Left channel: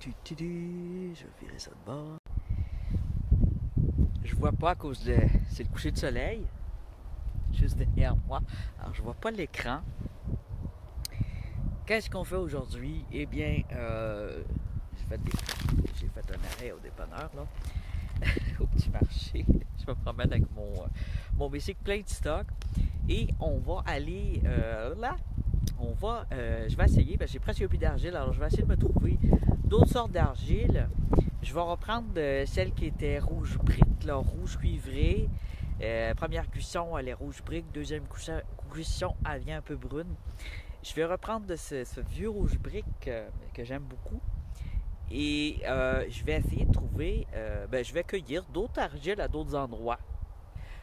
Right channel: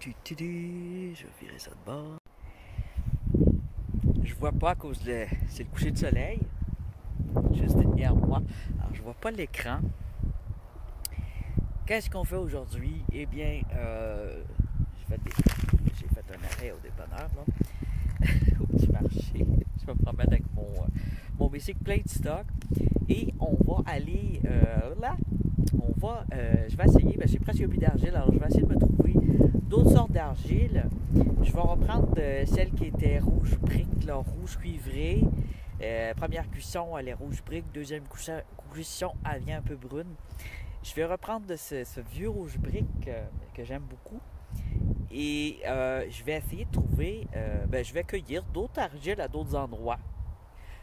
Je vais virer ça de bord. Je vois pas à cause de... C'est le coucher de soleil. Juste derrière moi. Alors, je vois pas l'écran. Qu'est-ce qu'on fait aujourd'hui? Eh bien, j'ai fait un arrêt au dépanneur, là. Au petit marché. Je me promène avec mon bicycle plein de stock. Et on va aller là. Je vais essayer, j'ai presque plus d'argile, alors je vais essayer de me trouver d'autres sortes d'argile. Je vais reprendre celle qui était rouge brique, là, rouge cuivré. Première cuisson, elle est rouge brique. Deuxième cuisson, elle vient un peu brune. Je vais reprendre de ce vieux rouge brique que j'aime beaucoup. Et je vais essayer de trouver, je vais cueillir d'autres argiles à d'autres endroits.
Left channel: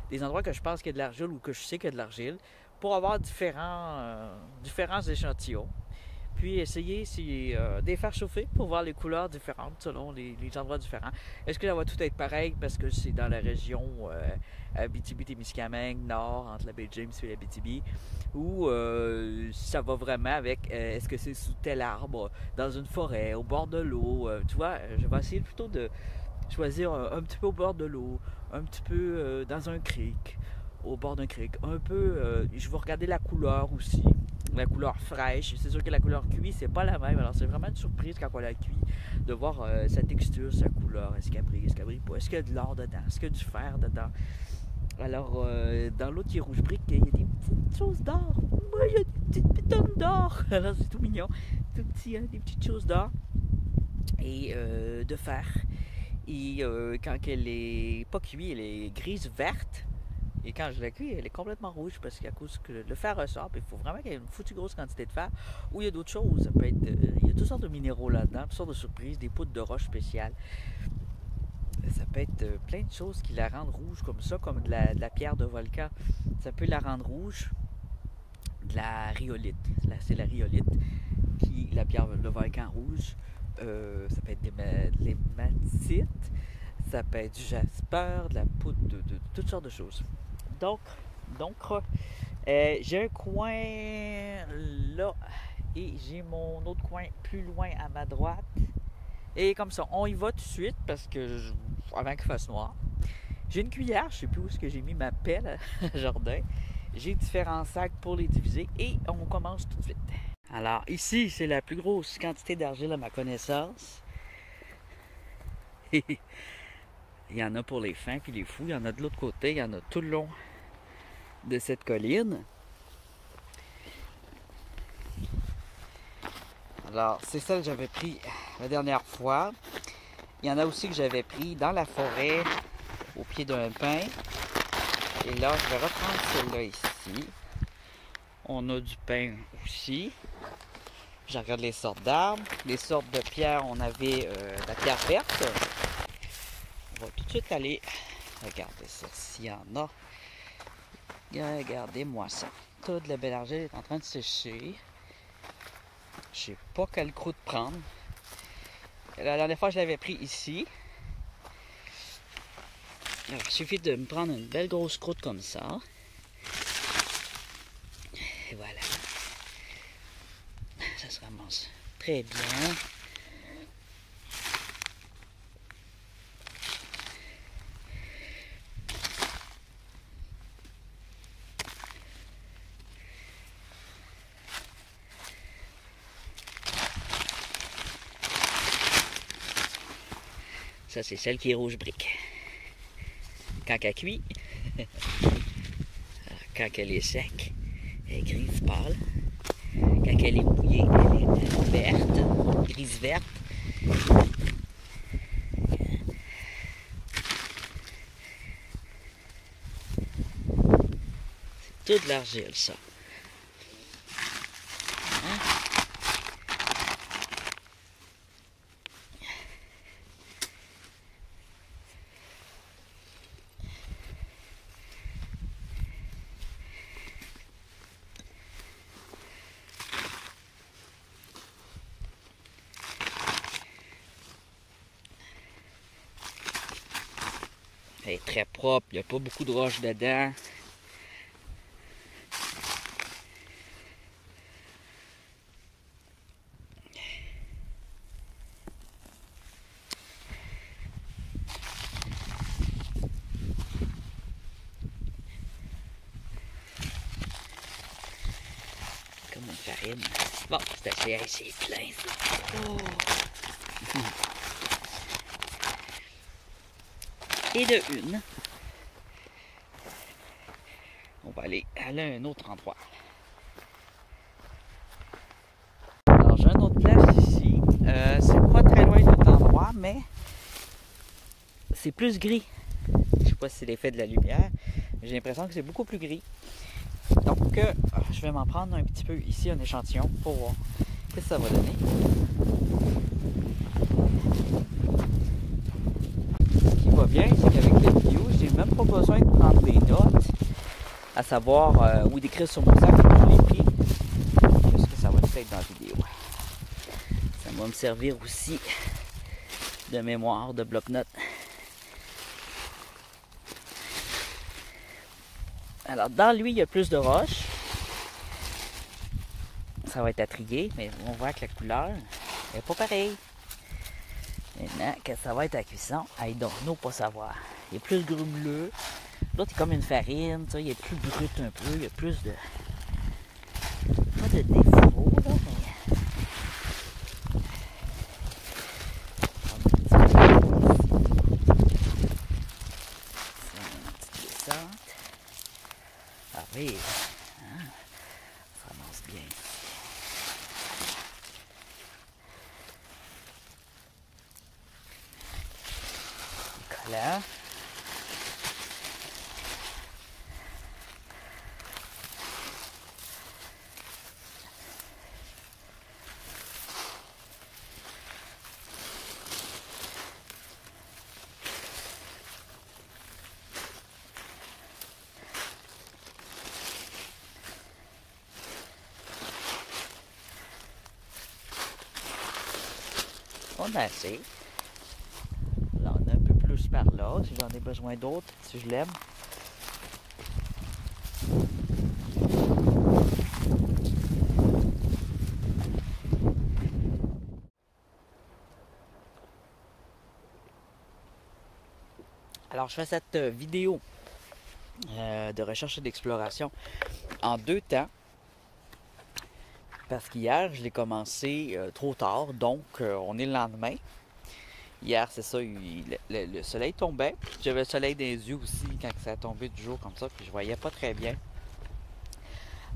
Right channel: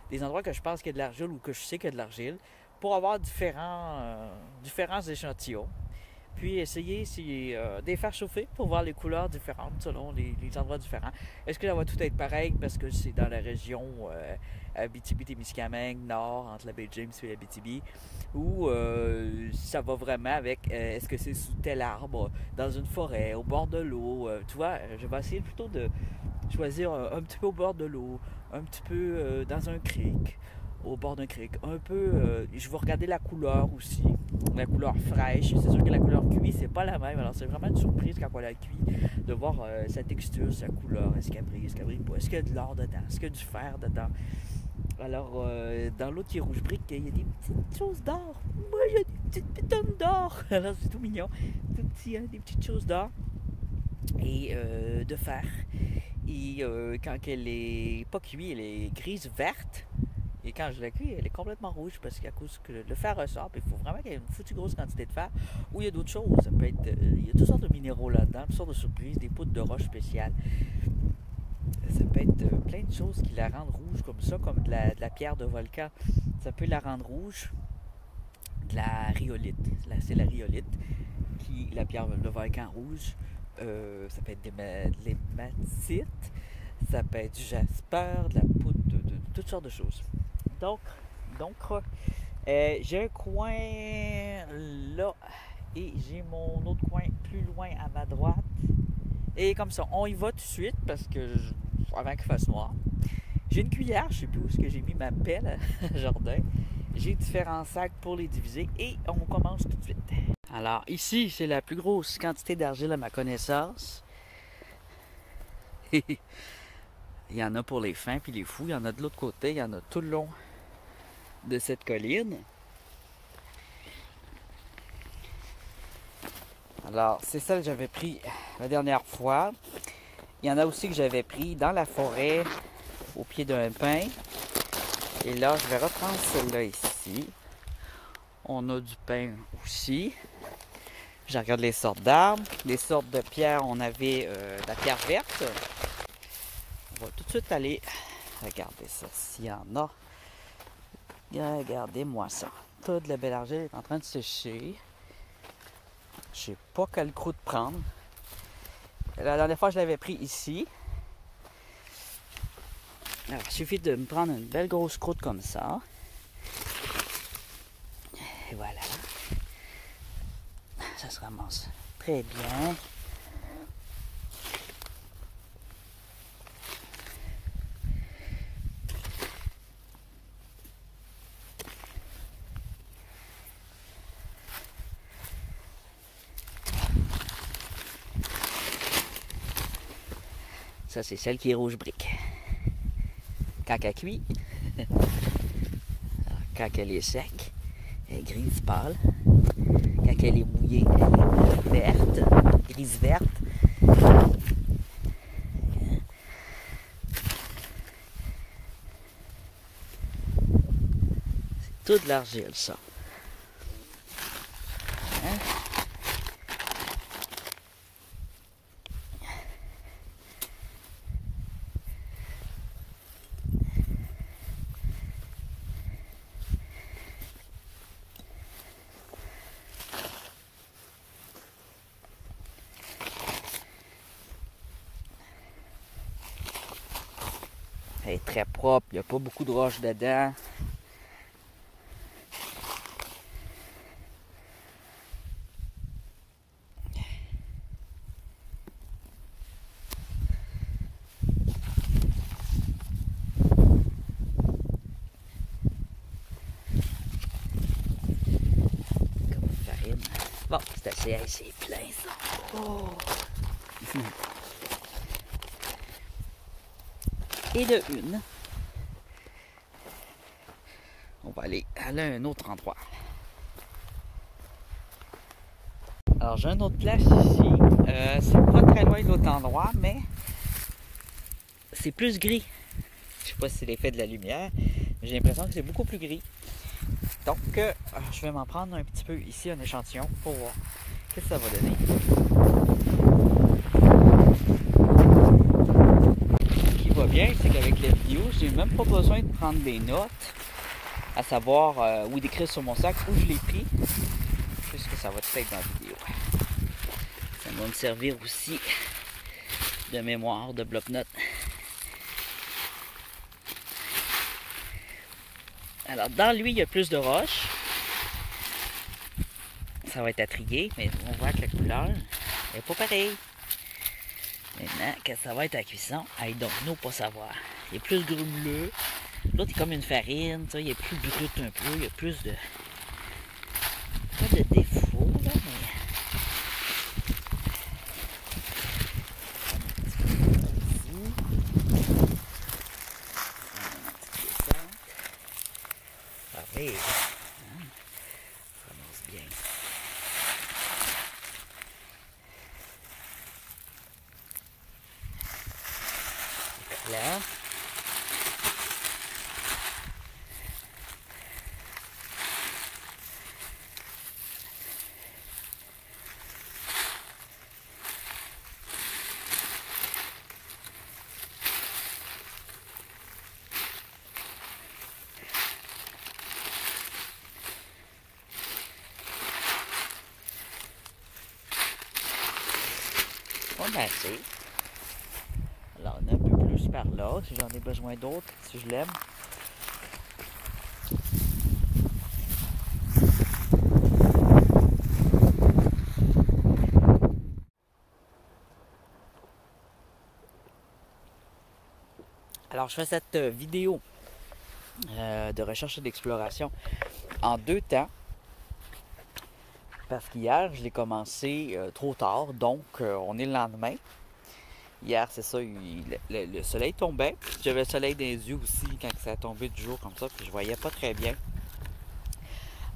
Des endroits que je pense qu'il y a de l'argile ou que je sais qu'il y a de l'argile, pour avoir différents échantillons. Puis essayer de les faire chauffer pour voir les couleurs différentes selon les endroits différents. Est-ce que ça va tout être pareil parce que c'est dans la région Abitibi-Témiscamingue, nord, entre la baie James et l'Abitibi, ou ça va vraiment avec est-ce que c'est sous tel arbre, dans une forêt, au bord de l'eau. Tu vois, je vais essayer plutôt de choisir un petit peu au bord de l'eau, un petit peu dans un creek, au bord d'un creek, un peu, je vais regarder la couleur aussi, la couleur fraîche. C'est sûr que la couleur cuit, c'est pas la même, alors c'est vraiment une surprise quand on la cuit, de voir sa texture, sa couleur, est-ce qu'elle brille pas, est-ce qu'il y a de l'or dedans, est-ce qu'il y a du fer dedans. Alors, dans l'autre qui est rouge brique, il y a des petites choses d'or. Moi, il y a des petites pitons d'or. Alors, c'est tout mignon. Tout petit, hein, des petites choses d'or. Et de fer. Et quand elle est pas cuite, elle est grise-verte. Et quand je la cuis, elle est complètement rouge parce qu'à cause que le fer ressort, il faut vraiment qu'il y ait une foutue grosse quantité de fer. Ou il y a d'autres choses, ça peut être, il y a toutes sortes de minéraux là-dedans, toutes sortes de surprises, des poudres de roche spéciales. Ça peut être plein de choses qui la rendent rouge comme ça, comme de la pierre de volcan. Ça peut la rendre rouge. De la rhyolite. Là, c'est la rhyolite, qui la pierre de volcan rouge. Ça peut être de l'hématite, ça peut être du jasper, de la poudre, de toutes sortes de choses. Donc j'ai un coin là et j'ai mon autre coin plus loin à ma droite. Et comme ça, on y va tout de suite parce que avant qu'il fasse noir. J'ai une cuillère, je sais plus où est-ce que j'ai mis ma pelle à jardin. J'ai différents sacs pour les diviser et on commence tout de suite. Alors ici, c'est la plus grosse quantité d'argile à ma connaissance. Il y en a pour les fins puis les fous. Il y en a de l'autre côté, il y en a tout le long de cette colline. Alors, c'est celle que j'avais pris la dernière fois. Il y en a aussi que j'avais pris dans la forêt, au pied d'un pin. Et là, je vais reprendre celle-là ici. On a du pin aussi. Je regarde les sortes d'arbres. Les sortes de pierres, on avait la pierre verte. On va tout de suite aller regarder ça, s'il y en a. Regardez-moi ça. Toute la belle argile est en train de sécher. Je sais pas quelle croûte prendre. La dernière fois, je l'avais pris ici. Alors, il suffit de me prendre une belle grosse croûte comme ça. Et voilà. Ça se ramasse très bien. Ça, c'est celle qui est rouge brique. Quand elle cuit, quand elle est sec, elle est grise pâle. Quand elle est mouillée, elle est verte, grise verte. C'est tout de l'argile, ça. Hein? Elle est très propre, il n'y a pas beaucoup de roches dedans. Bon, c'est assez, hey, c'est plein ça. Oh. Et de une, on va aller à un autre endroit. Alors j'ai une autre place ici. C'est pas très loin de l'autre endroit, mais c'est plus gris. Je sais pas si c'est l'effet de la lumière, mais j'ai l'impression que c'est beaucoup plus gris. Donc je vais m'en prendre un petit peu ici, un échantillon, pour voir ce que ça va donner. Ce qui va bien, c'est qu'avec les vidéos, j'ai même pas besoin de prendre des notes, à savoir ou d'écrire sur mon sac que je l'ai pris. Qu'est-ce que ça va être dans la vidéo? Ça va me servir aussi de mémoire, de bloc-notes. Alors, dans lui, il y a plus de roches. Ça va être à trier, mais on voit que la couleur n'est pas pareille. Maintenant, que ça va être à cuisson, I don't know, pas savoir. Il est plus grumeleux. L'autre est comme une farine, ça, il est plus brut un peu, il y a plus de... Pas de défauts, là, mais... Ah oui, hein? Ça avance bien. Collant. On a assez. Là, on a un peu plus par là, si j'en ai besoin d'autres, si je l'aime. Alors, je fais cette vidéo de recherche et d'exploration en 2 temps. Parce qu'hier, je l'ai commencé trop tard, donc on est le lendemain. Hier, c'est ça, le soleil tombait. J'avais le soleil dans les yeux aussi quand ça a tombé du jour comme ça, puis je voyais pas très bien.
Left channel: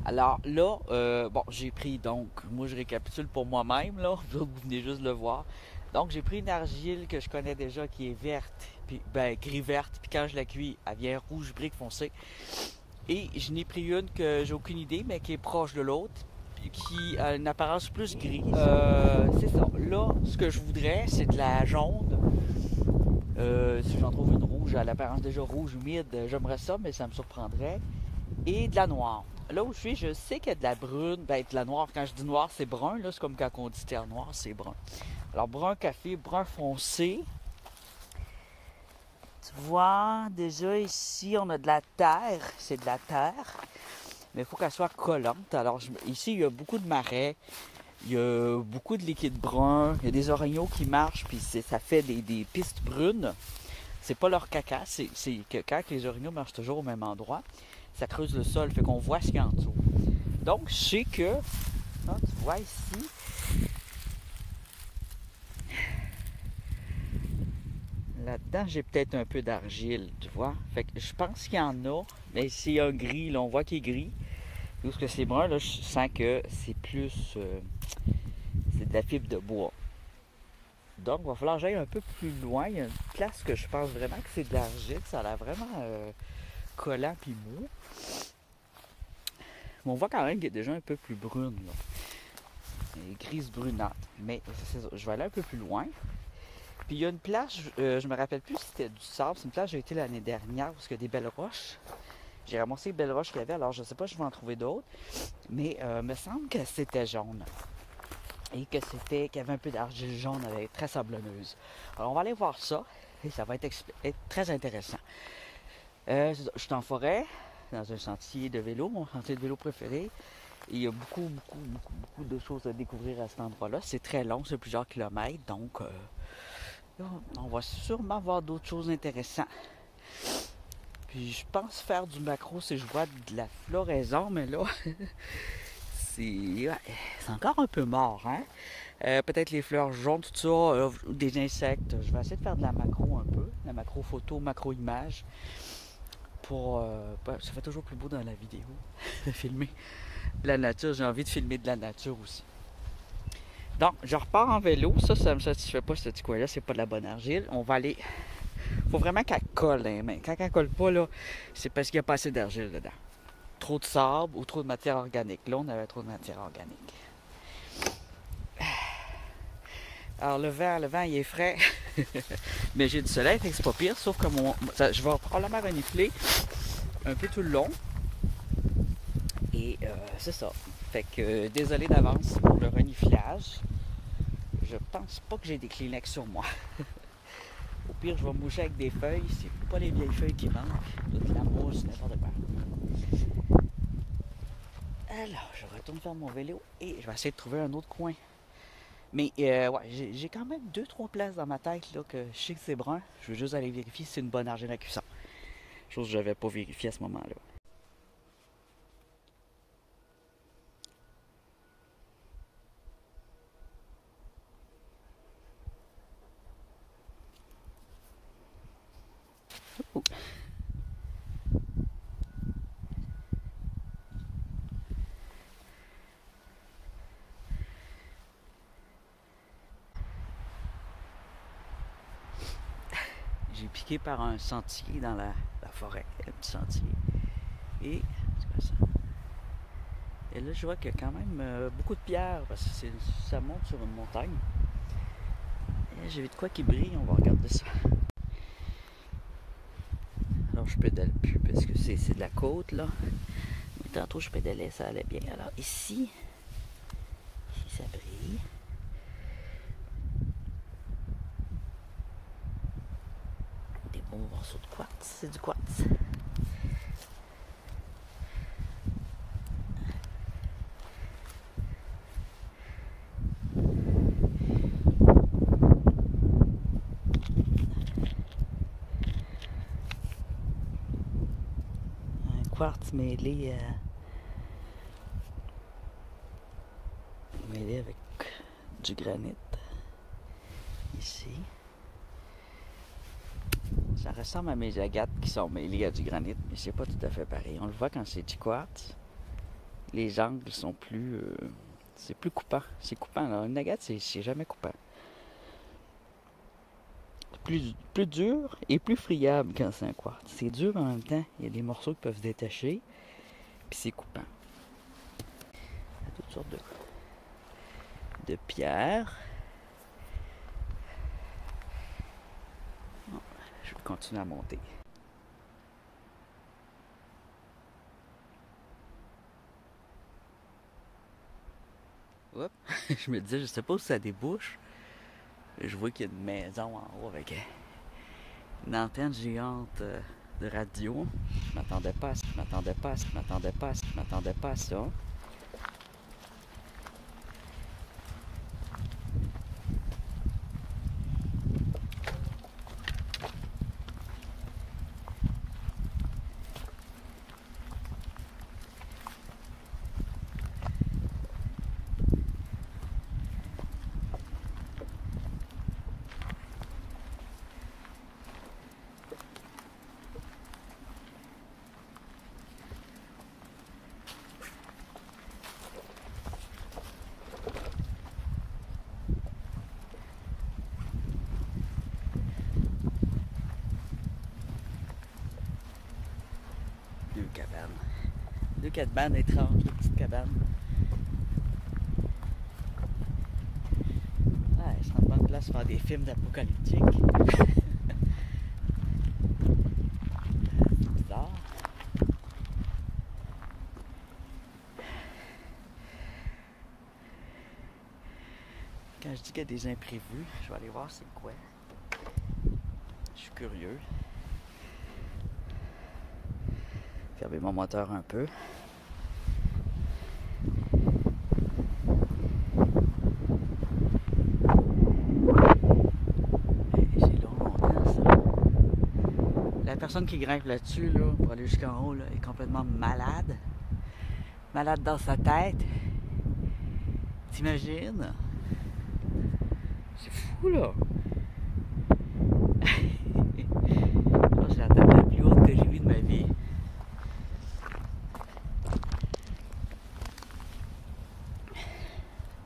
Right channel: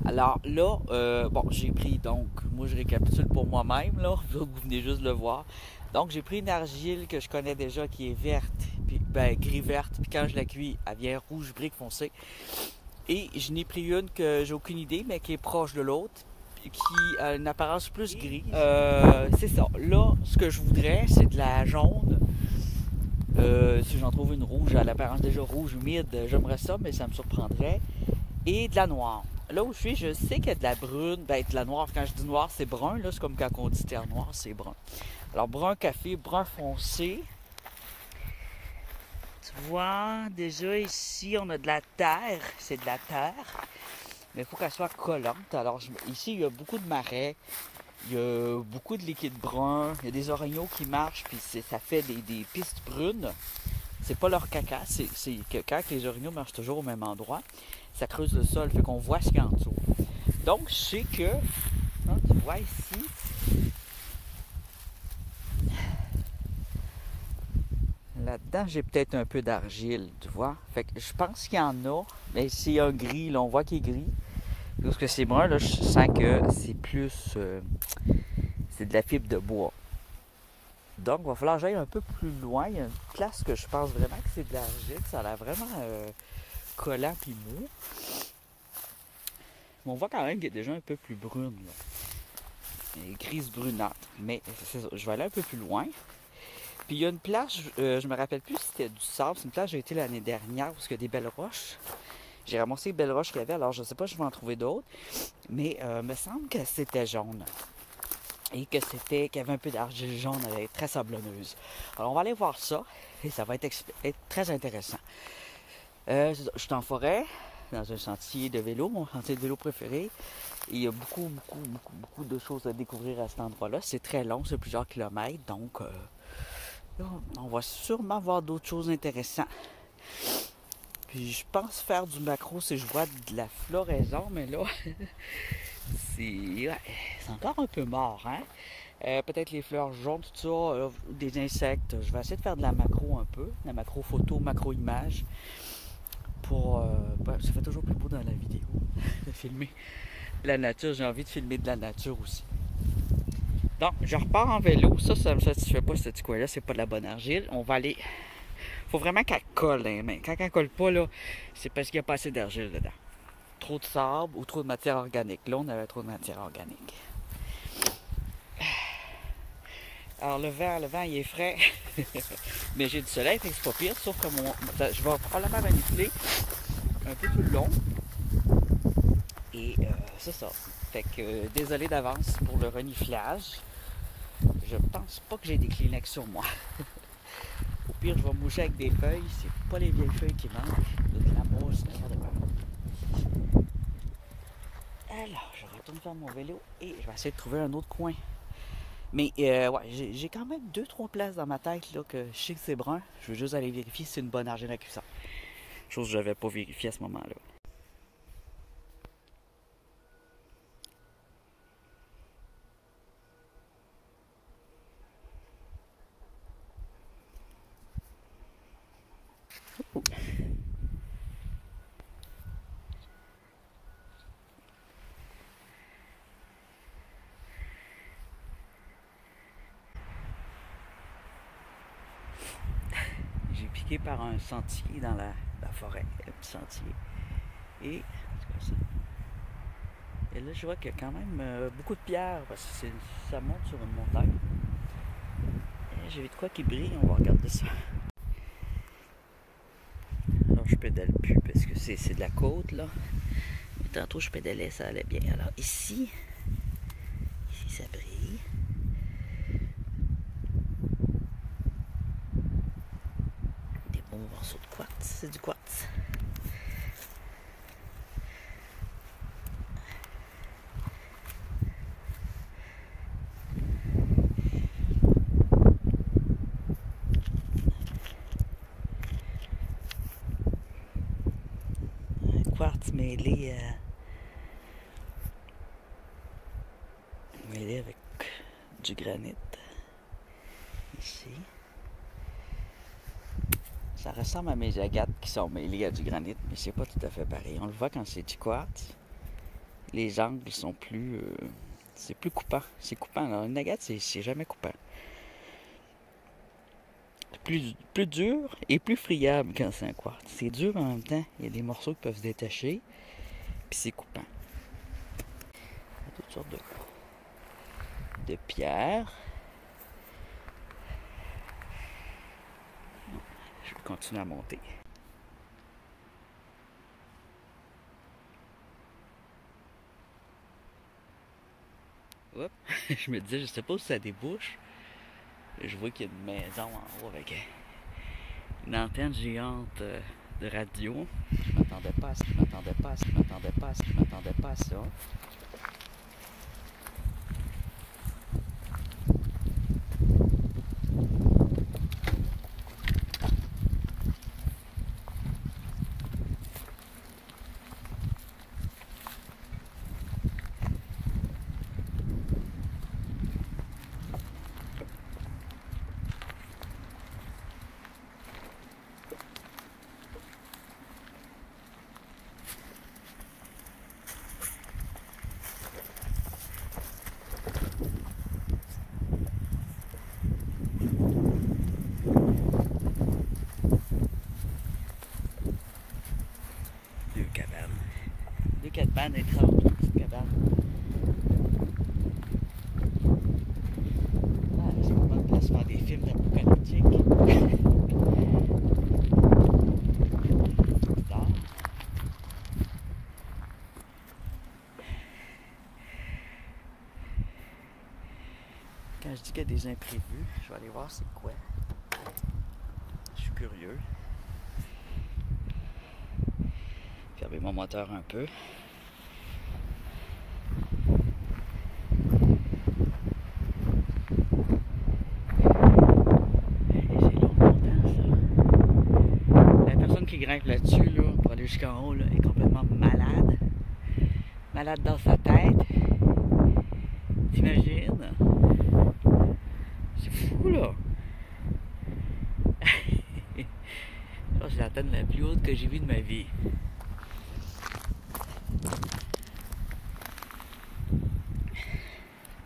Alors là, bon, j'ai pris donc, moi je récapitule pour moi-même, là, vous venez juste le voir. Donc j'ai pris une argile que je connais déjà qui est verte, puis, ben gris-verte, puis quand je la cuis, elle vient rouge brique foncé. Et je n'ai pris une que j'ai aucune idée, mais qui est proche de l'autre, qui a une apparence plus gris. C'est ça. Là, ce que je voudrais, c'est de la jaune. Si j'en trouve une rouge, à l'apparence déjà rouge, humide, j'aimerais ça, mais ça me surprendrait. Et de la noire. Là où je suis, je sais qu'il y a de la brune, ben de la noire. Quand je dis noir, c'est brun. Là, c'est comme quand on dit terre noire, c'est brun. Alors, brun café, brun foncé. Tu vois, déjà ici, on a de la terre. C'est de la terre. Mais il faut qu'elle soit collante. Alors ici, il y a beaucoup de marais, il y a beaucoup de liquide brun, il y a des orignaux qui marchent, puis ça fait des pistes brunes. C'est pas leur caca, c'est que quand les orignaux marchent toujours au même endroit, ça creuse le sol, fait qu'on voit ce qu'il y a en dessous. Donc, je sais que, hein, tu vois ici, là-dedans, j'ai peut-être un peu d'argile, tu vois. Fait que je pense qu'il y en a, mais c'est un gris, là, on voit qu'il est gris. Parce que c'est brun, là, je sens que c'est plus... c'est de la fibre de bois. Donc, il va falloir que j'aille un peu plus loin. Il y a une place que je pense vraiment que c'est de l'argile. Ça a l'air vraiment collant puis mou. Mais on voit quand même qu'il est déjà un peu plus brune, là. Et grise brunâtre. Mais c'est ça, je vais aller un peu plus loin. Puis il y a une place, je me rappelle plus si c'était du sable. C'est une place où j'ai été l'année dernière parce qu'il y a des belles roches. J'ai ramassé les belles roches qu'il y avait, alors je ne sais pas si je vais en trouver d'autres. Mais il me semble que c'était jaune. Et que qu'il y avait un peu d'argile jaune, elle est très sablonneuse. Alors on va aller voir ça, et ça va être très intéressant. Je suis en forêt, dans un sentier de vélo, mon sentier de vélo préféré. Et il y a beaucoup de choses à découvrir à cet endroit-là. C'est très long, c'est plusieurs kilomètres, donc là, on va sûrement voir d'autres choses intéressantes. Puis je pense faire du macro si je vois de la floraison, mais là, ouais, c'est encore un peu mort, hein? Peut-être les fleurs jaunes, tout ça, des insectes. Je vais essayer de faire de la macro un peu, la macro photo, macro image. Ça fait toujours plus beau dans la vidéo de filmer la nature. J'ai envie de filmer de la nature aussi. Donc, je repars en vélo. Ça me satisfait pas, ce petit coin-là. C'est pas de la bonne argile. On va aller. Faut vraiment qu'elle colle, hein, mais quand elle colle pas, là, c'est parce qu'il n'y a pas assez d'argile dedans. Trop de sable ou trop de matière organique. Là, on avait trop de matière organique. Alors, le vent, il est frais. Mais j'ai du soleil, fait que c'est pas pire. Sauf que je vais probablement renifler un peu tout le long. Et c'est ça. Fait que désolé d'avance pour le reniflage. Je pense pas que j'ai des Kleenex sur moi. Au pire, je vais moucher avec des feuilles. C'est pas les vieilles feuilles qui manquent. De la mousse, n'importe quoi. Alors, je retourne faire mon vélo et je vais essayer de trouver un autre coin. Mais ouais, j'ai quand même 2-3 places dans ma tête là, que je sais que c'est brun. Je veux juste aller vérifier si c'est une bonne argile à cuisson. Chose que je n'avais pas vérifiée à ce moment-là. Oh. J'ai piqué par un sentier dans la forêt, un petit sentier. Et là, je vois qu'il y a quand même beaucoup de pierres parce que ça monte sur une montagne. J'ai vu de quoi qui brille, on va regarder ça. Alors, je pédale plus parce que c'est de la côte, là. Mais tantôt, je pédalais, ça allait bien. Alors, ici ça brille. Des bons morceaux de quartz, c'est du quartz. Quartz mêlé avec du granit ici. Ça ressemble à mes agates qui sont mêlées à du granit, mais c'est pas tout à fait pareil. On le voit quand c'est du quartz. Les angles sont plus c'est plus coupant. C'est coupant. Alors, une agate, c'est jamais coupant. Plus dur et plus friable quand c'est un quartz. C'est dur en même temps. Il y a des morceaux qui peuvent se détacher. Puis c'est coupant. Il y a toutes sortes de pierres. Je vais continuer à monter. Hop. Je me disais, je sais pas où ça débouche. Je vois qu'il y a une maison en haut avec une antenne géante de radio. Je n'entendais pas ça. Deux cabanes étranges, une petite cabane. Ouais, c'est une bonne place pour faire des films apocalyptiques. C'est bizarre. Quand je dis qu'il y a des imprévus, je vais aller voir c'est quoi. Je suis curieux. Fermer mon moteur un peu. C'est long, longtemps ça. La personne qui grimpe là-dessus, là, pour aller jusqu'en haut, là, est complètement malade. Malade dans sa tête. T'imagines? C'est fou, là! Je pense que c'est la table la plus haute que j'ai vue de ma vie.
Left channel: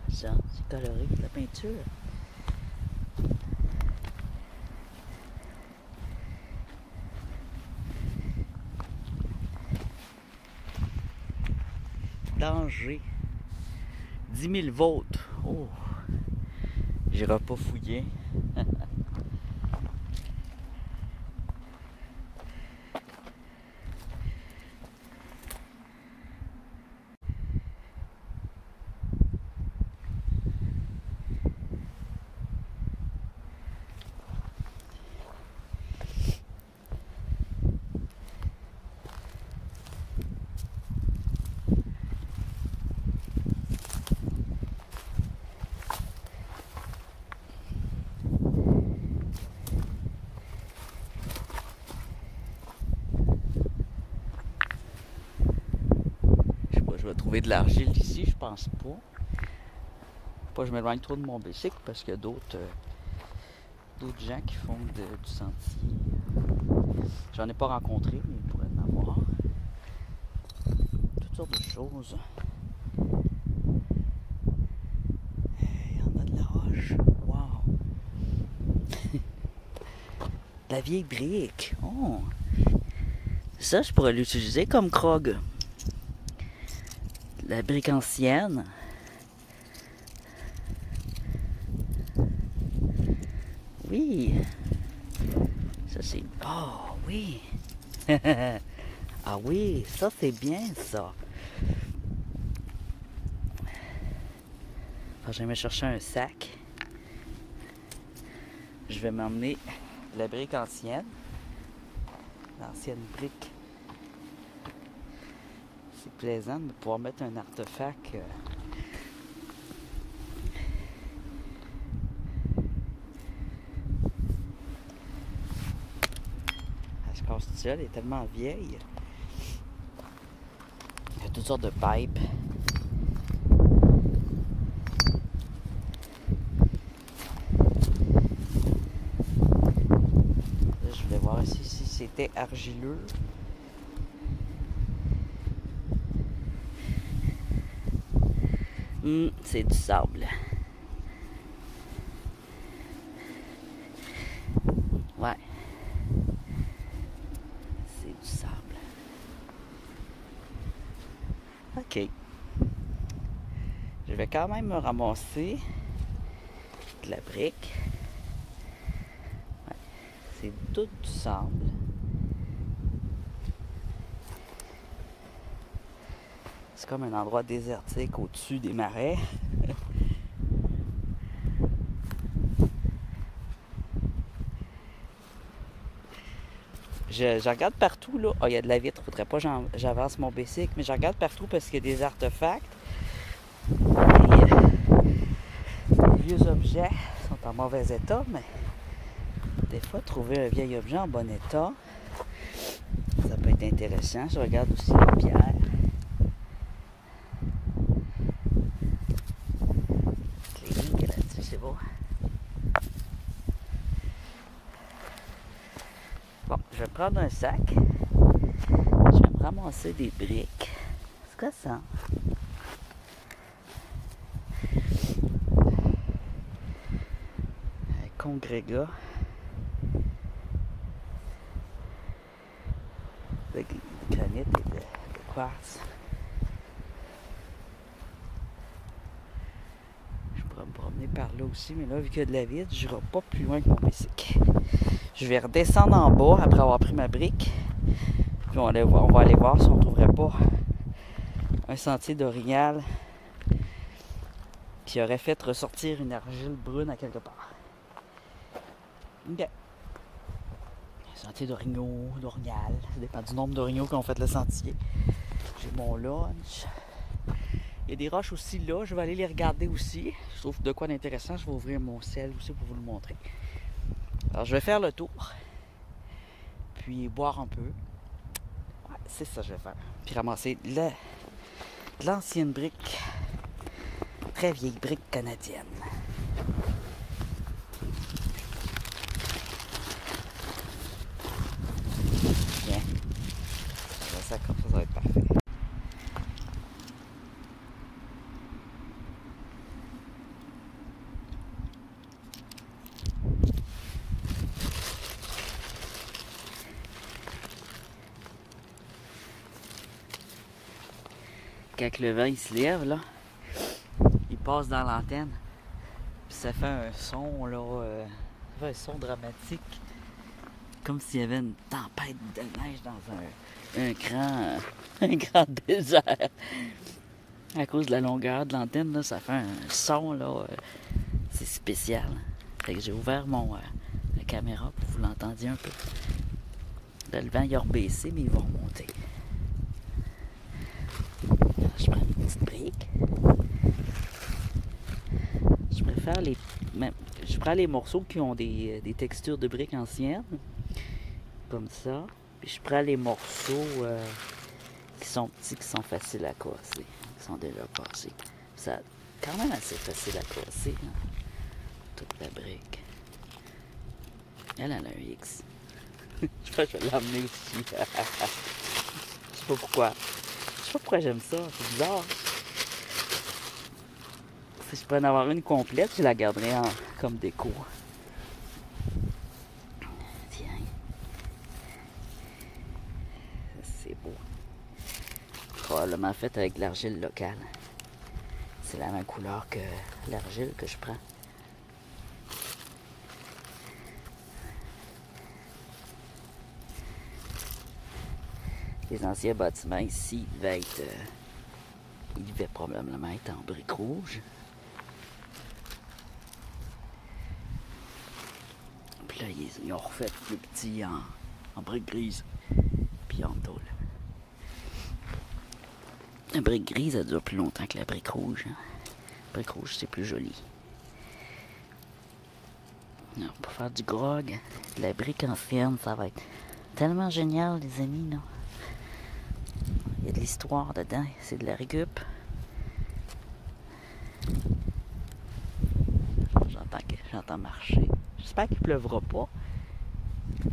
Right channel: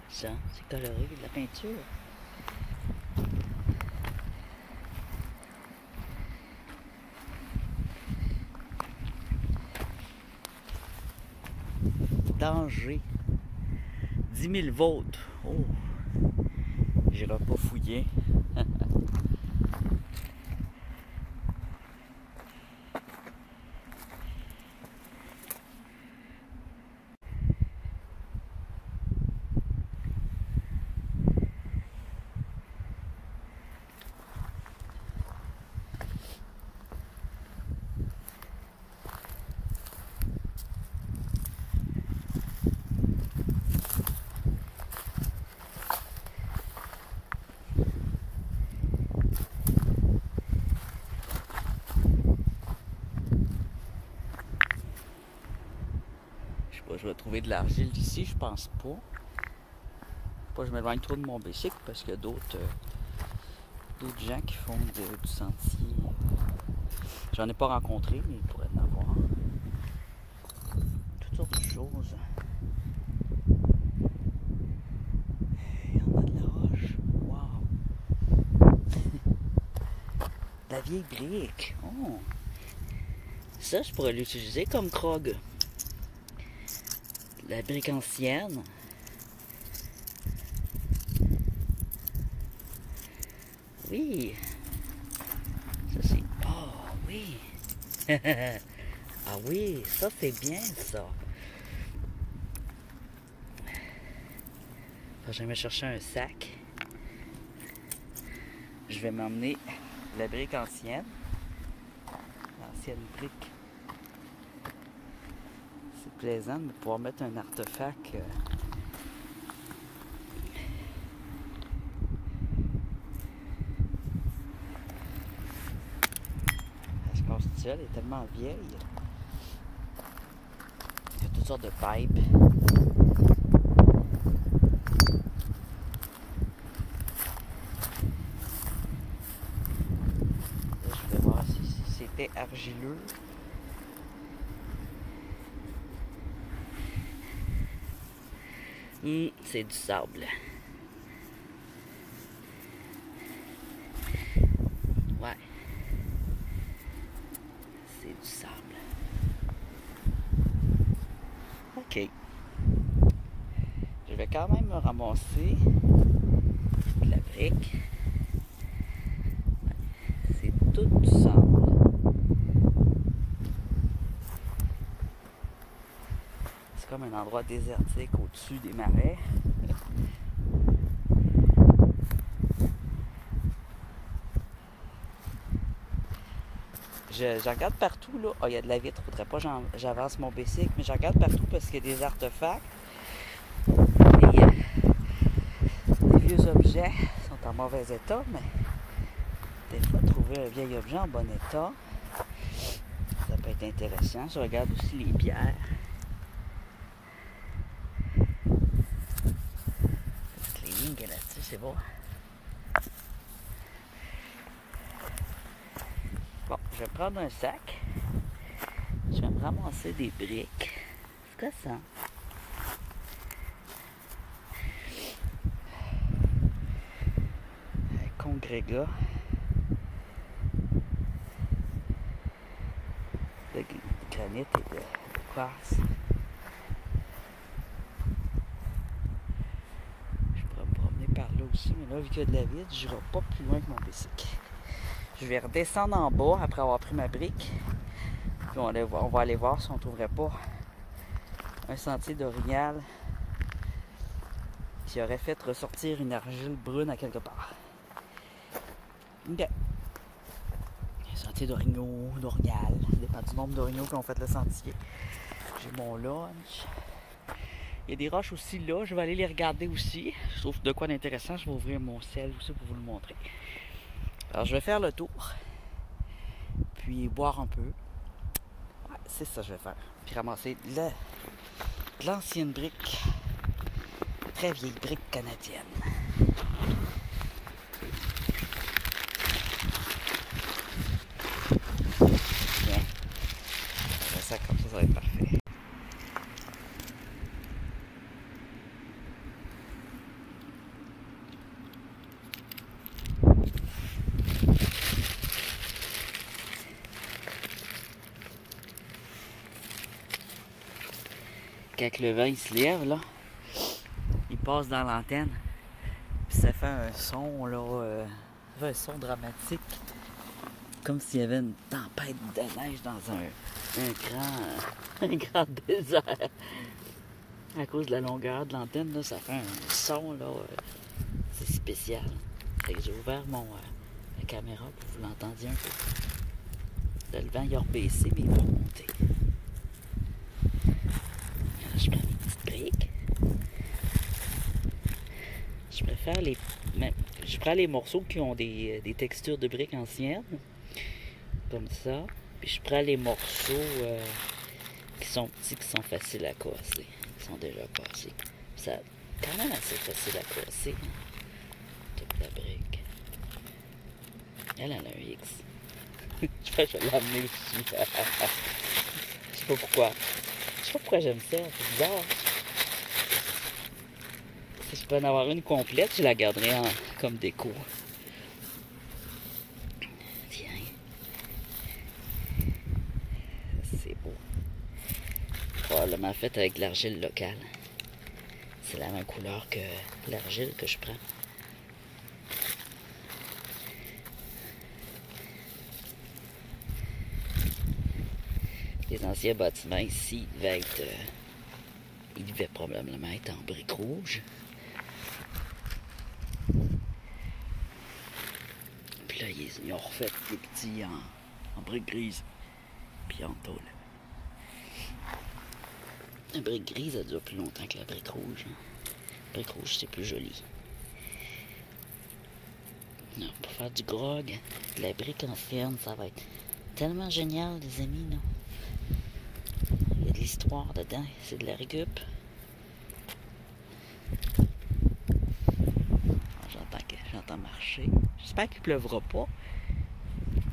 Ça, c'est coloré, de la peinture. Danger. 10 000 volts. Oh! J'irai pas fouiller. Je vais trouver de l'argile ici, je pense pas. Pas que je m'éloigne trop de mon bicycle parce qu'il y a d'autres gens qui font du sentier. J'en ai pas rencontré, mais il pourrait en avoir. Toutes sortes de choses. Il y en a de la roche. Wow! La vieille brique. Oh! Ça, je pourrais l'utiliser comme Krog. La brique ancienne. Oui. Ça c'est... Oh oui. Ah oui, ça c'est bien ça. Faut jamais chercher un sac. Je vais m'emmener la brique ancienne. L'ancienne brique. C'est plaisant de pouvoir mettre un artefact. Elle se casse toute seule, elle est tellement vieille. Il y a toutes sortes de pipes. Là, je vais voir si c'était argileux. C'est du sable. Ouais. C'est du sable. OK. Je vais quand même me ramasser de la brique. Ouais. C'est tout du sable. C'est comme un endroit désertique au-dessus des marais. Je regarde partout, là. Oh, il y a de la vitre, faudrait pas que j'avance mon bicycle, mais je regarde partout parce qu'il y a des artefacts. Les vieux objets sont en mauvais état, mais des fois, trouver un vieil objet en bon état, ça peut être intéressant. Je regarde aussi les pierres. Les lignes là-dessus, c'est beau. Bon, je vais prendre un sac. Je vais me ramasser des briques. C'est quoi ça? Un congrégat. De granit et de quartz. Je pourrais me promener par là aussi, mais là, vu qu'il y a de la vide, je n'irai pas plus loin que mon bicycle. Je vais redescendre en bas après avoir pris ma brique. Puis on va aller voir si on ne trouverait pas un sentier d'orignal qui aurait fait ressortir une argile brune à quelque part. Ok. Un sentier d'orignaux, d'orignal. Ça dépend du nombre d'orignaux qui ont fait le sentier. J'ai mon lunch. Il y a des roches aussi là. Je vais aller les regarder aussi. Je trouve de quoi d'intéressant. Je vais ouvrir mon sel aussi pour vous le montrer. Alors, je vais faire le tour. Puis boire un peu. Ouais, c'est ça que je vais faire. Puis ramasser l'ancienne brique Très vieille brique canadienne. Bien. Ça comme ça va être parfait. Quand le vent il se lève, là, il passe dans l'antenne, puis ça fait un son, là, ça fait un son dramatique, comme s'il y avait une tempête de neige dans un grand désert. À cause de la longueur de l'antenne, là, ça fait un son, là, c'est spécial. Fait que j'ai ouvert la caméra pour que vous l'entendiez un peu. Là, le vent, il a rebaissé, mais il va remonter. Je prends une petite brique. Je prends les morceaux qui ont des textures de briques anciennes, comme ça. Puis je prends les morceaux qui sont petits, qui sont faciles à casser, qui sont déjà cassés. Ça, quand même assez facile à casser, hein, toute la brique. Elle a un X. Je crois que je vais l'emmener aussi. Je sais pas pourquoi. Je sais pas pourquoi j'aime ça, c'est bizarre. Si je pourrais en avoir une complète, je la garderais comme déco. Tiens. C'est beau. Probablement fait avec de l'argile locale. C'est la même couleur que l'argile que je prends. Les anciens bâtiments ici ils devaient probablement être en briques rouges. Puis là, ils ont refait plus petits en briques grises, puis en tôle. La brique grise, elle dure plus longtemps que la brique rouge. La brique rouge, c'est plus joli. Non, pour faire du grog, la brique ancienne, ça va être tellement génial, les amis, là. Il y a de l'histoire dedans, c'est de la récup. J'entends marcher. J'espère qu'il pleuvra pas.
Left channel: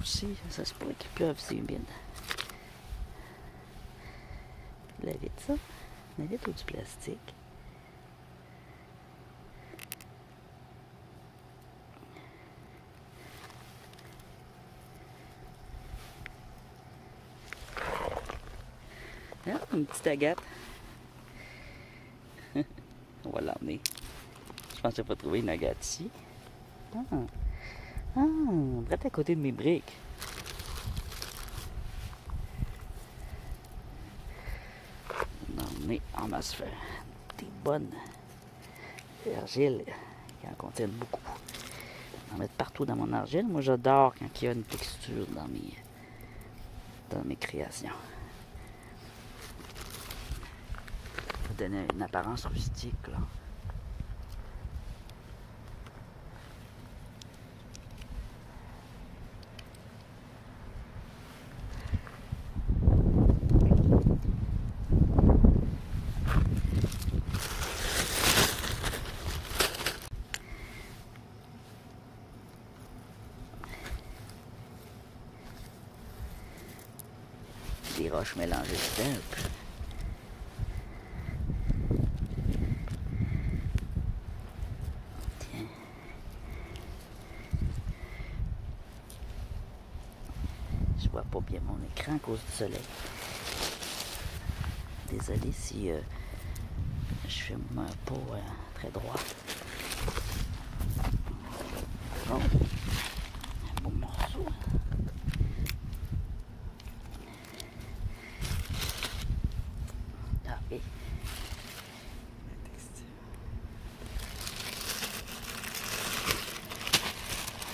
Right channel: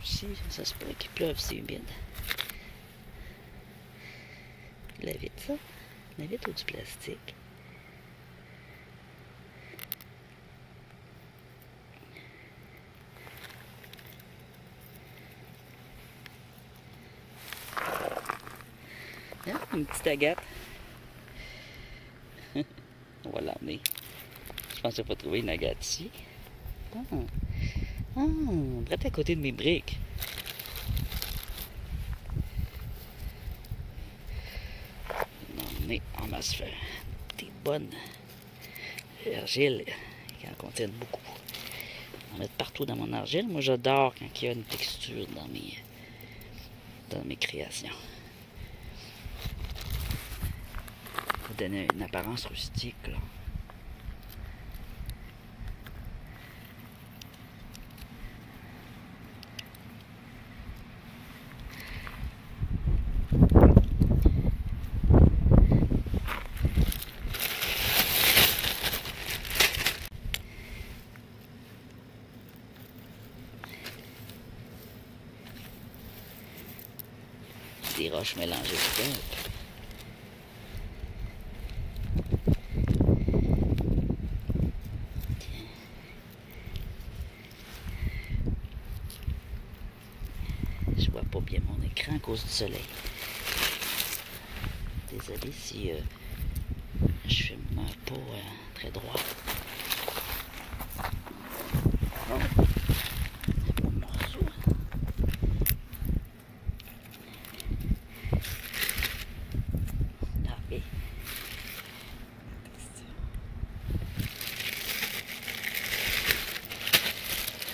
Si, ça se pourrait qu'il pleuve, c'est humide. La vitre, ça. La vitre ou du plastique. Ah, une petite agate. On va l'emmener. Je pensais pas trouver une agate ici. Prête à côté de mes briques. Mais on va se faire des bonnes argiles qui en contiennent beaucoup. On va mettre partout dans mon argile. Moi, j'adore quand il y a une texture dans mes créations. Ça va donner une apparence rustique, là. Des roches mélangées dedans. Tiens. Je vois pas bien mon écran à cause du soleil. Désolé si je filme pas très droit. Oh. Un beau morceau.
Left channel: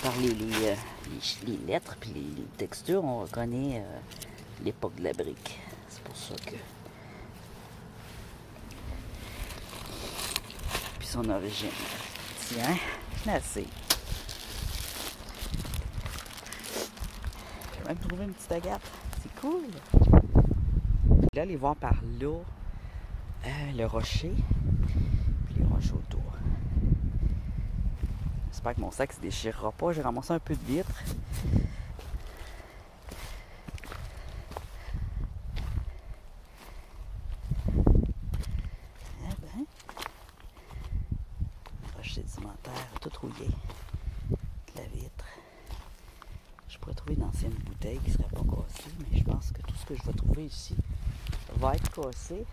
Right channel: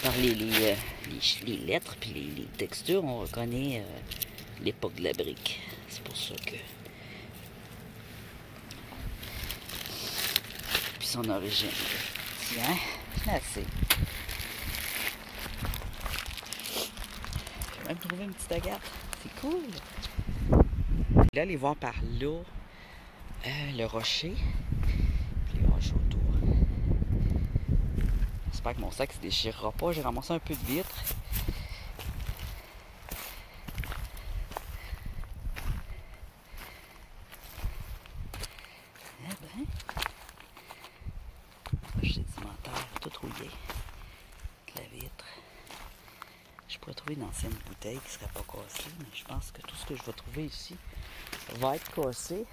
Par les lettres et les textures, on reconnaît l'époque de la brique. C'est pour ça que... Puis son origine. Tiens, c'est assez. J'ai même trouvé une petite agate. C'est cool. Là, allez voir par là le rocher. Puis on va jouer J'espère que mon sac se déchirera pas. J'ai ramassé un peu de vitre. Eh ben, roche sédimentaire, tout rouillé. La vitre. Je pourrais trouver une ancienne bouteille qui ne serait pas cassée, mais je pense que tout ce que je vais trouver ici va être cassé,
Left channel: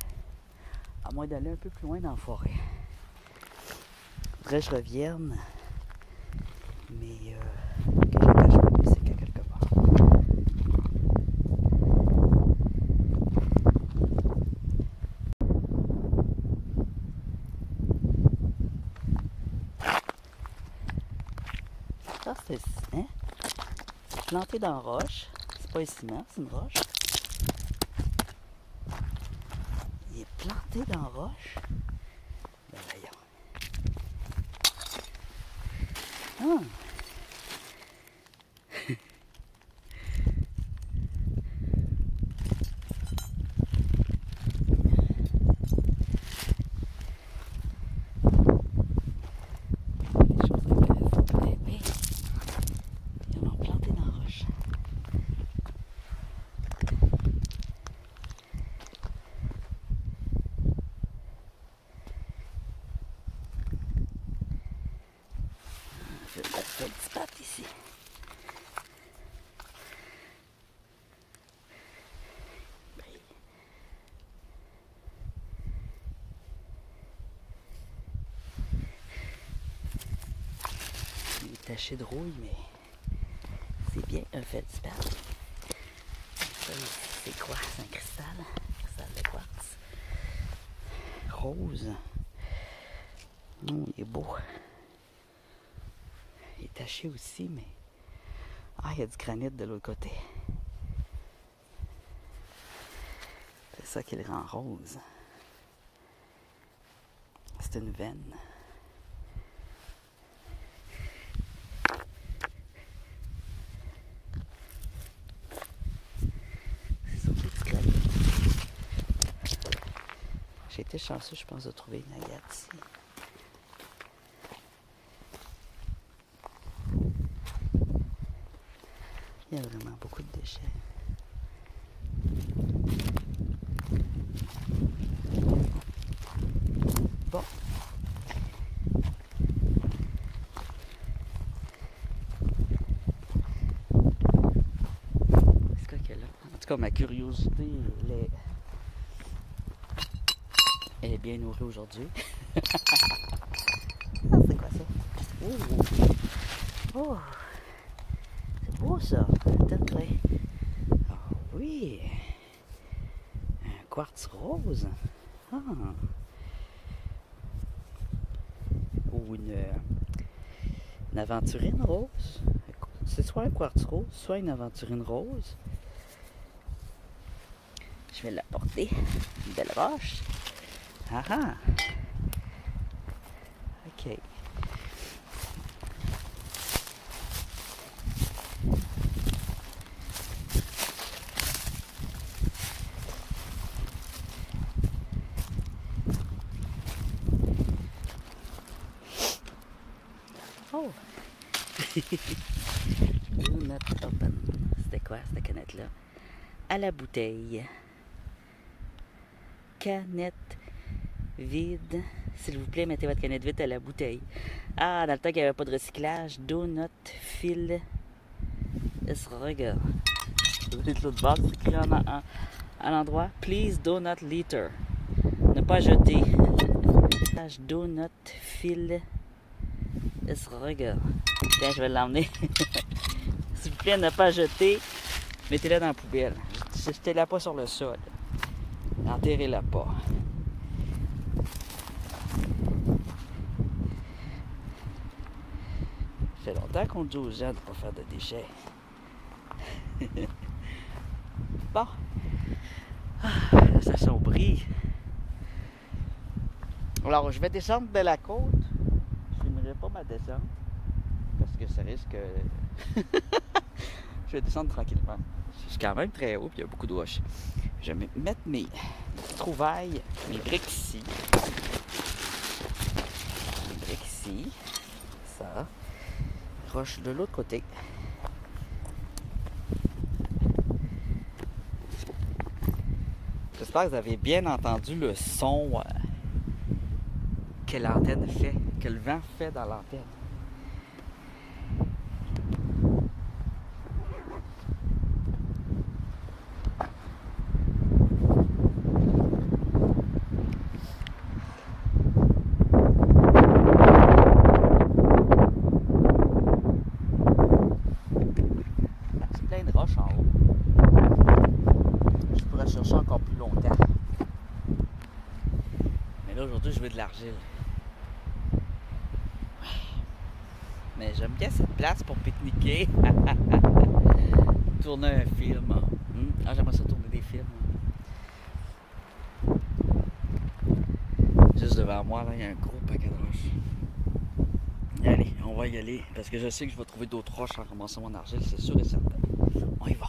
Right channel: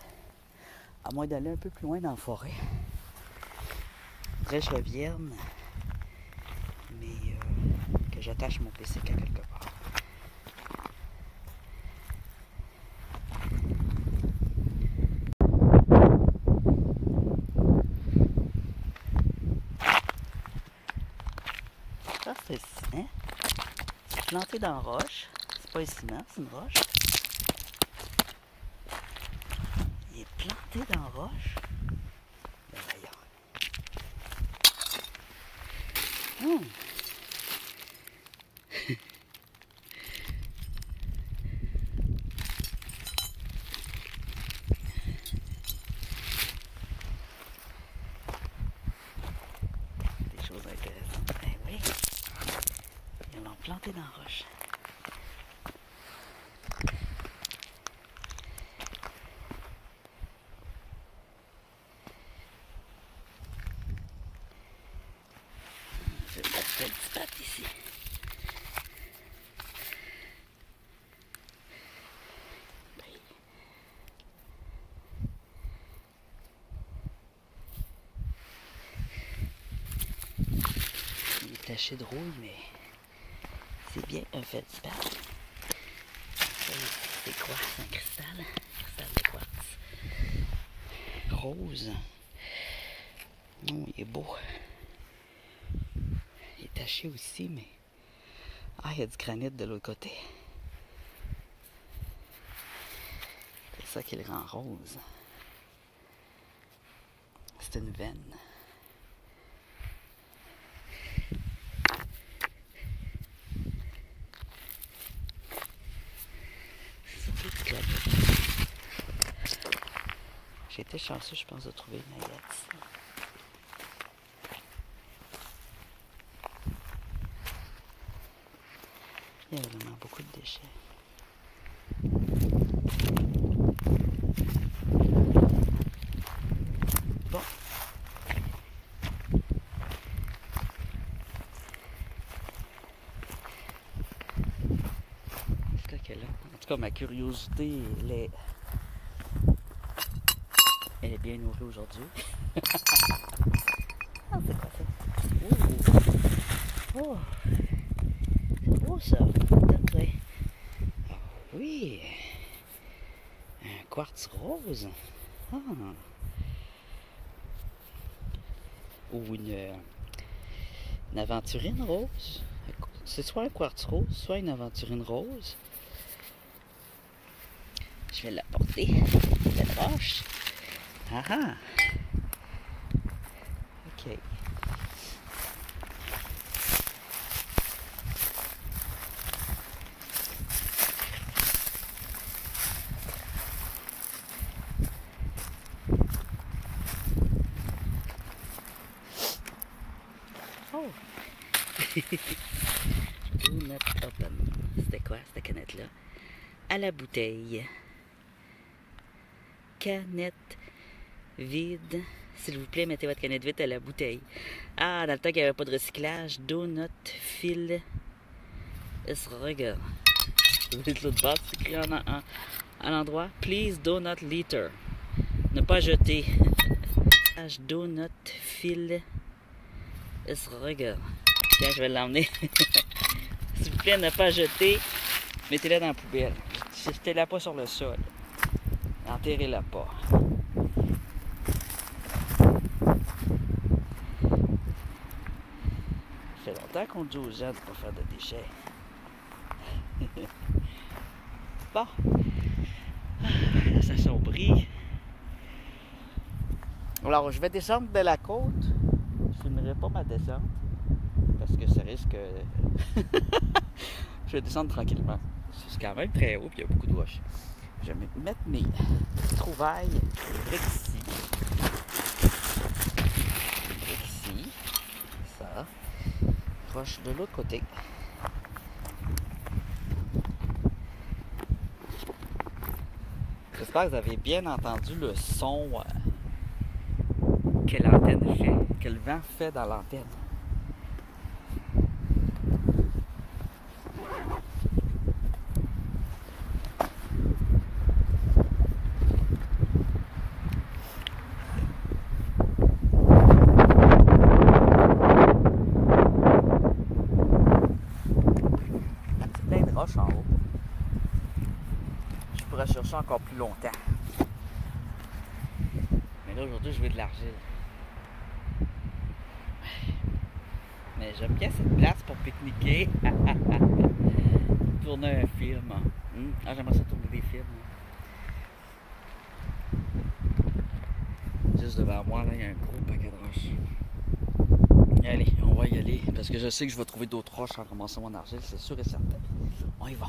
à moins d'aller un peu plus loin dans la forêt. Faudrait que je revienne, mais que j'attache mon bicycle à quelque part. Ça, c'est hein? Planté dans la roche. C'est pas un ciment, c'est une roche. Il est planté dans la roche. Ben voyons. Ah. Des choses intéressantes. Ben oui. Ils l'ont planté dans la roche. C'est un petit patte ici. Il est taché de rouille, mais c'est bien un feldspathe. C'est quoi? C'est un cristal? Cristal de quartz. Rose. Non, il est beau. Il est taché aussi, mais... Ah, il y a du granit de l'autre côté. C'est ça qui le rend rose. C'est une veine. C'est surtout du granit. J'ai été chanceux, je pense, de trouver une aillette ici. Il y a vraiment beaucoup de déchets. Bon. C'est quoi qu'elle a? En tout cas, ma curiosité, elle est bien nourrie aujourd'hui. Ah, c'est quoi ça? Oh! C'est beau ça! Attends, ah oui! Un quartz rose! Ah! Ou une aventurine rose. C'est soit un quartz rose, soit une aventurine rose. Je vais l'apporter. Belle roche. Ah ah! Ok. Oh! Do not open. C'était quoi cette canette-là? À la bouteille. Canette vide. S'il vous plaît, mettez votre canette vide à la bouteille. Ah, dans le temps qu'il n'y avait pas de recyclage. Do not fill. Regarde. De l'autre bord, c'est écrit à l'endroit. Please do not litter. Ne pas jeter. Do not fill. Regarde. Tiens, je vais l'emmener. S'il vous plaît, ne pas jeter. Mettez-la dans la poubelle. Jetez-la pas sur le sol. Enterrez-la pas. Ça fait longtemps qu'on dit aux gens de ne pas faire de déchets. Bon. Ah, ça s'assombrit. Alors, je vais descendre de la côte. Je n'aimerais pas ma descente. Parce que ça risque... Je vais descendre tranquillement. C'est quand même très haut, puis il y a beaucoup de roches. Je vais mettre mes trouvailles, mes briques ici. Les briques ici. Ça. roches de l'autre côté. J'espère que vous avez bien entendu le son que l'antenne fait, que le vent fait dans l'antenne. C'est plein de roches en haut. Je pourrais chercher encore plus longtemps. Mais là, aujourd'hui, je veux de l'argile. Mais j'aime bien cette place pour pique-niquer. Tourner un film. Ah, j'aimerais ça tourner des films. Juste devant moi, là, il y a un gros paquet de roches. Allez, on va y aller. Parce que je sais que je vais trouver d'autres roches en ramassant mon argile, c'est sûr et certain. On y va.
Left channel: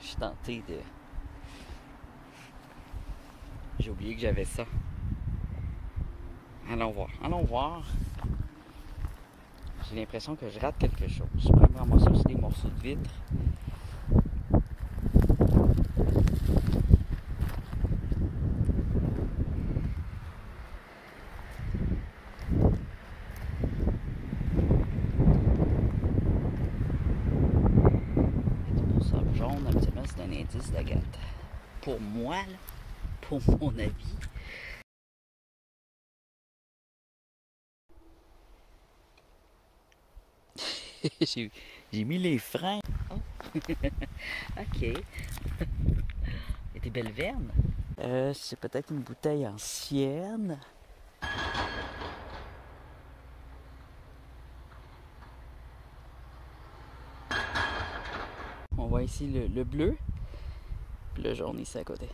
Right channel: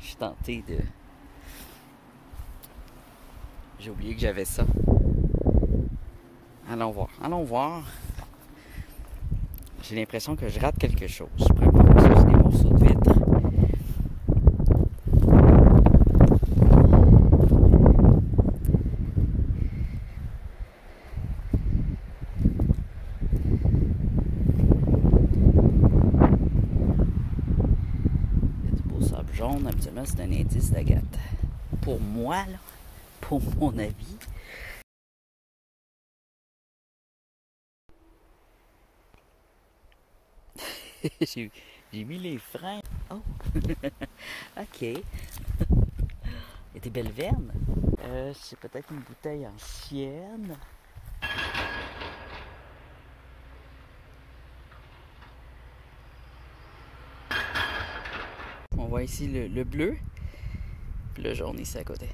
Je suis tenté de... J'ai oublié que j'avais ça. Allons voir, allons voir. J'ai l'impression que je rate quelque chose. Probablement ça, c'est des morceaux de vitre. Jaune, habituellement, c'est un indice d'agate. Pour moi, là, pour mon avis. J'ai mis les freins. Oh! Ok. Et tes belles vernes? C'est peut-être une bouteille ancienne. On voit ici le bleu, puis le jaune ici à côté.